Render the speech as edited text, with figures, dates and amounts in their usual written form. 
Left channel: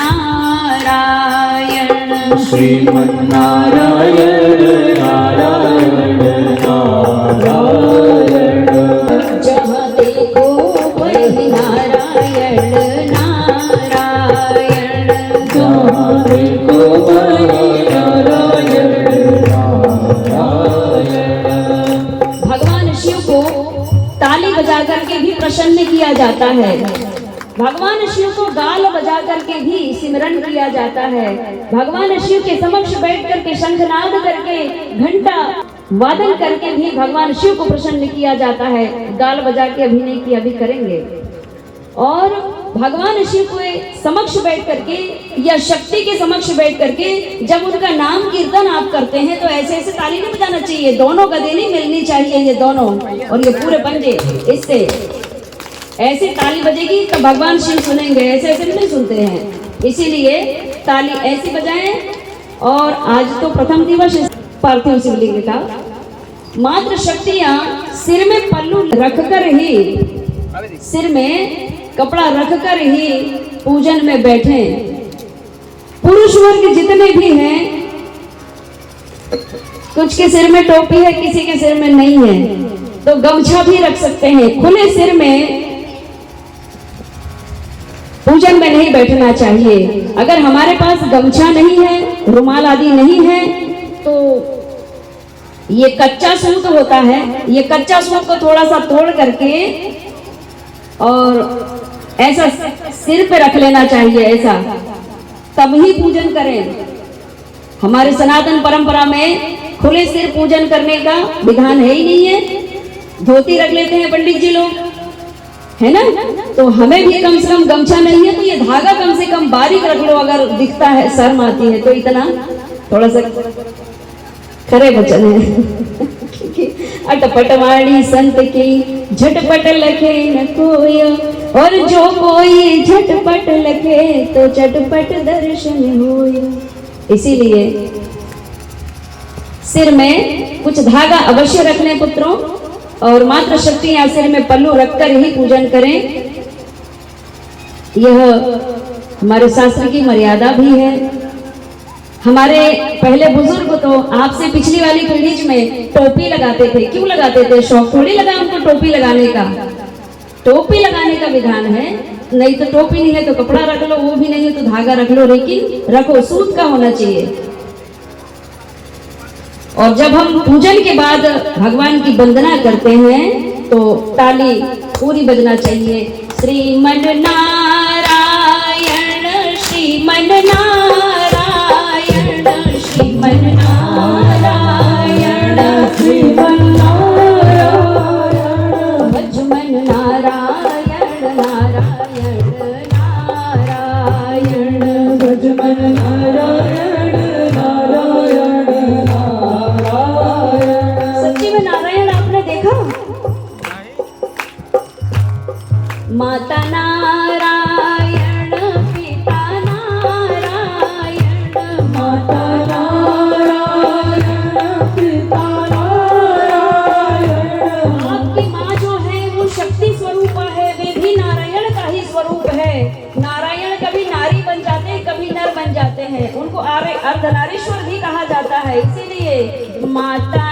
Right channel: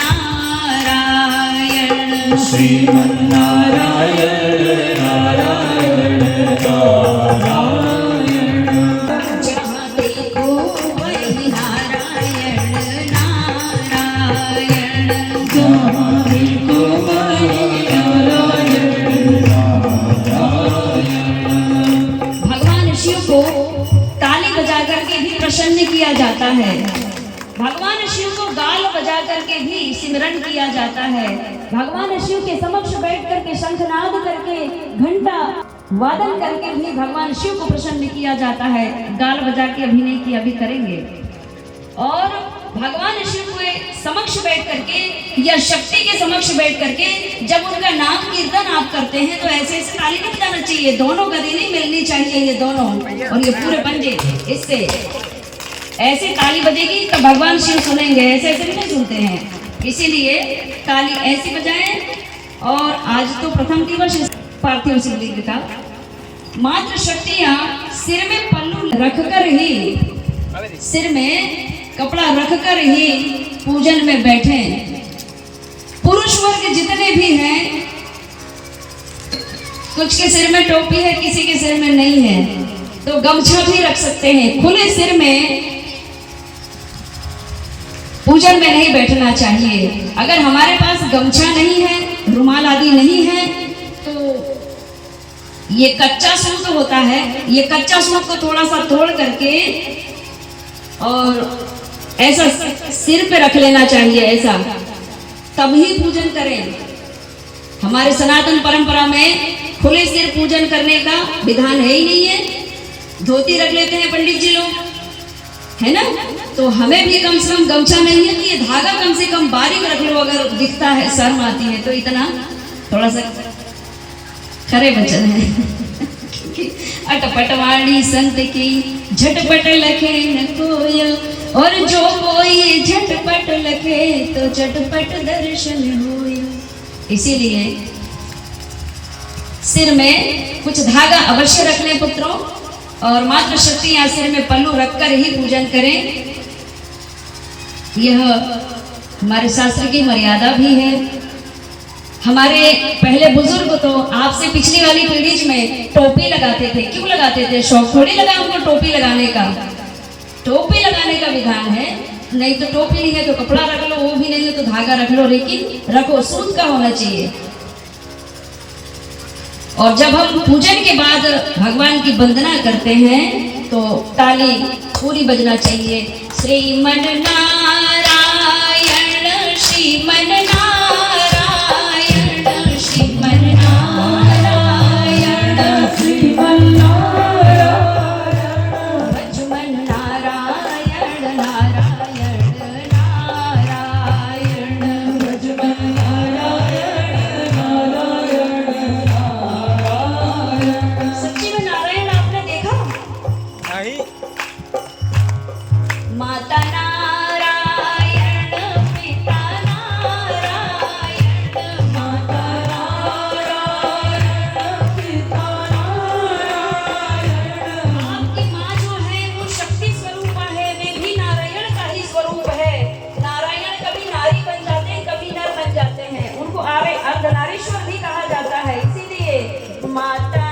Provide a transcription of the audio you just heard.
नारायण श्रीमन्नारायण नारायण नारायण। जहाँ देखो वही नारायण नारायण। जहाँ देखो वही नारायण नारायण। भगवान शिव को ताली बजा करके भी प्रसन्न किया जाता है। भगवान शिव को गाल बजा करके भी सिमरन किया जाता है। भगवान शिव के समक्ष बैठ करके शंखनाद करके घंटा वादन करके भी भगवान शिव को प्रसन्न किया जाता है। गाल बजा के अभिनय की अभी करेंगे। और भगवान शिव के समक्ष बैठ करके या शक्ति के समक्ष बैठ करके जब उनका नाम कीर्तन आप करते हैं तो ऐसे ऐसे ताली नहीं बजाना चाहिए। दोनों गदे नहीं मिलनी चाहिए, ये दोनों और ये पूरे पंजे। इससे ऐसे ताली बजेगी तो भगवान शिव सुनेंगे, ऐसे ऐसे नहीं सुनते हैं। इसीलिए ताली ऐसी बजाएं। और आज तो प्रथम दिवस पार्थिव शिवलिंग का। मात्र शक्तियां सिर में पल्लू रखकर ही, सिर में कपड़ा रखकर ही पूजन में बैठे। पुरुष वर्ग जितने भी हैं, कुछ के सिर में टोपी है, किसी के सिर में नहीं है, तो गमछा भी रख सकते हैं। खुले सिर में पूजन में नहीं बैठना चाहिए। अगर हमारे पास गमछा नहीं है, रुमाल आदि नहीं है, तो ये कच्चा सूत होता है, ये कच्चा सूत को थोड़ा सा तोड़ करके और ऐसा सिर पे रख लेना चाहिए, ऐसा तब ही पूजन करें। हमारे सनातन परंपरा में खुले सिर पूजन करने का विधान है ही नहीं है। धोती रख लेते हैं पंडित जी लोग, है ना। तो हमें भी कम से कम गमछा नहीं है तो ये धागा कम से कम बारीक रख लो। अगर दिखता है, शर्म आती है तो इतना थोड़ा सा खरे वचन है। अटपटवाणी संत की झटपट लखे न कोय, और जो कोई झटपट लखे तो चटपट दर्शन होय। इसीलिए सिर में कुछ धागा अवश्य रख लें पुत्रों। और मात्र शक्तियां सिर में पल्लू रखकर ही पूजन करें। यह हमारे शास्त्र की मर्यादा भी है। हमारे पहले बुजुर्ग तो आपसे पिछली वाली पीढ़ी में टोपी लगाते थे। क्यों लगाते थे? शौक थोड़ी लगा उनको टोपी लगाने का। टोपी लगाने का विधान है। नहीं तो टोपी नहीं है तो कपड़ा रख लो, वो भी नहीं है तो धागा रख लो, लेकिन रखो, सूत का होना चाहिए। और जब हम पूजन के बाद भगवान की वंदना करते हैं तो ताली पूरी बजना चाहिए। श्रीमन नारायण श्रीमन नारायण श्रीमन नारायण श्रीमन नारायण भजमन नारायण नारायण नारायण भजमन नारायण नारायण। सच्ची में नारायण आपने देखा? माता नारायण पिता नारायण, माता नारायण पिता नारायण। आपकी माँ जो है वो शक्ति स्वरूप है, वे भी नारायण का ही स्वरूप है। नारायण कभी नारी बन जाते हैं, कभी नर बन जाते हैं। उनको अर्धनारीश्वर भी कहा जाता है। इसीलिए माता